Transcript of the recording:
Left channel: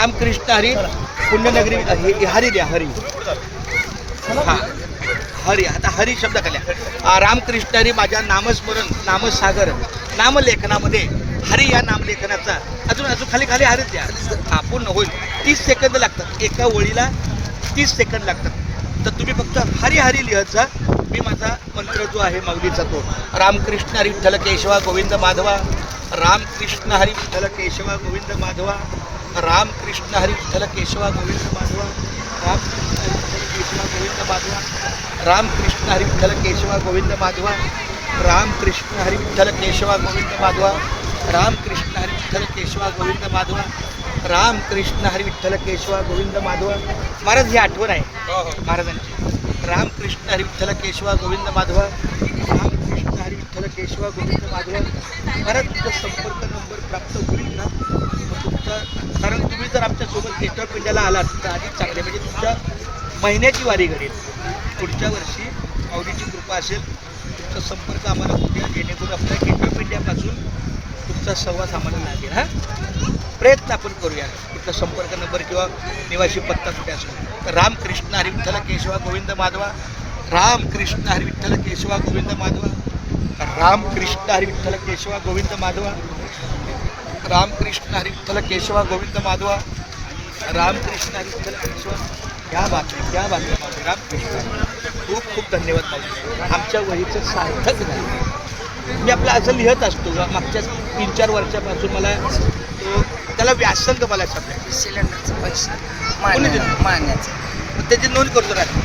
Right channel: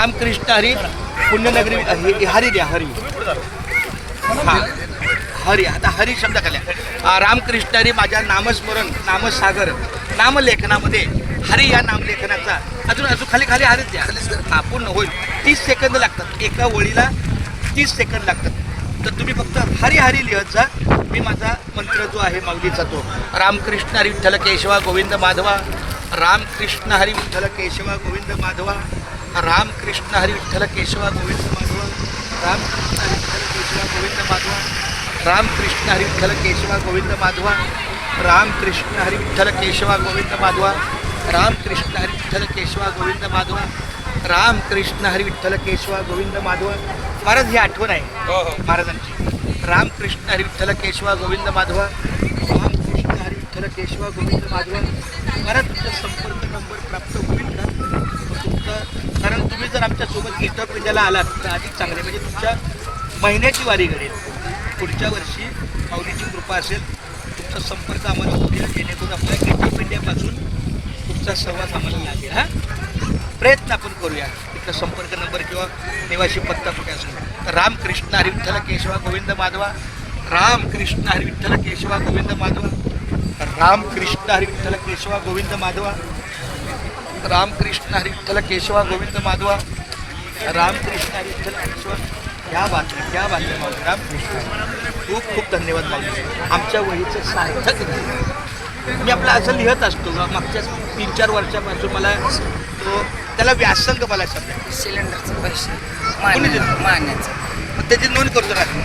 रामकृष्ण हरी पुण्यनगरी हरी द्या हरी. हां हरी. आता हरी शब्द खाल्या रामकृष्ण हरी माझ्या नामस्मरण नामसागर नामलेखनामध्ये हरी या नामलेखनाचा अजून खाली खाली हरीच द्या. हां पूर्ण होईल. 30 सेकंद लागतात एका ओळीला 30 सेकंद लागतात. तर तुम्ही फक्त हरी हरी लिहत जा. मी माझा मंत्र जो आहे माऊलीचा तो रामकृष्ण हरी विठ्ठल केशवा गोविंद माधवा. रामकृष्ण हरी विठ्ठल केशवा गोविंद माधवा. रामकृष्ण हरी विठ्ठल केशवा गोविंद माधवा. रामकृष्ण हरी विठ्ठल केशवा गोविंद माधवा. रामकृष्ण हरी विठ्ठल केशवा गोविंद माधवा. रामकृष्ण हरी विठ्ठल केशवा गोविंद माधवा. रामकृष्ण हरी विठ्ठल केशवा गोविंद माधवा. रामकृष्ण हरी विठ्ठल केशवा गोविंद माधवा. महाराज ही आठवण आहे महाराजांची. रामकृष्ण हरी विठ्ठल केशवा गोविंद माधवा. रामकृष्ण हरी विठ्ठल केशवा गोविंद माधवा. महाराज तुमचा संपर्क नंबर प्राप्त होईल का तुमचा? कारण तुम्ही जर आमच्यासोबत गेट ऑफ इंडियाला आलात तर अधिक चांगले म्हणजे तुमच्या महिन्याची वारी घडेल. पुढच्या वर्षी माऊलीची कृपा असेल तुमचा संपर्क आम्हाला होईल जेणेकरून आपल्या गेट ऑफ इंडियापासून तुमचा संवाद आम्हाला लागेल. हां प्रयत्न आपण करूया. कुठला संपर्क नंबर किंवा निवासी पत्ता कुठे असेल तर रामकृष्ण हरी विठ्ठल केशवा गोविंद माधवा. रामकृष्ण हरी विठ्ठल केशवा गोविंद माधवा. रामकृष्ण हरी विठ्ठल केशवा गोविंद माधवा. रामकृष्ण हरी विठ्ठल केशवा गोविंद माधवा. रामकृष्ण हरी विठ्ठल केशवा. क्या बात आहे माऊली. रामकृष्ण खूप खूप धन्यवाद माऊली. आमच्या वहीचं सार्थक झालं. मी आपलं असं लिहत असतो मागच्या 3-4 वर्षापासून मला तो त्याला व्यासंग मला शब्द सिलेंडरचे पैसे कोणी दिलं? महिन्याचं मग त्याची नोंद करतो राखी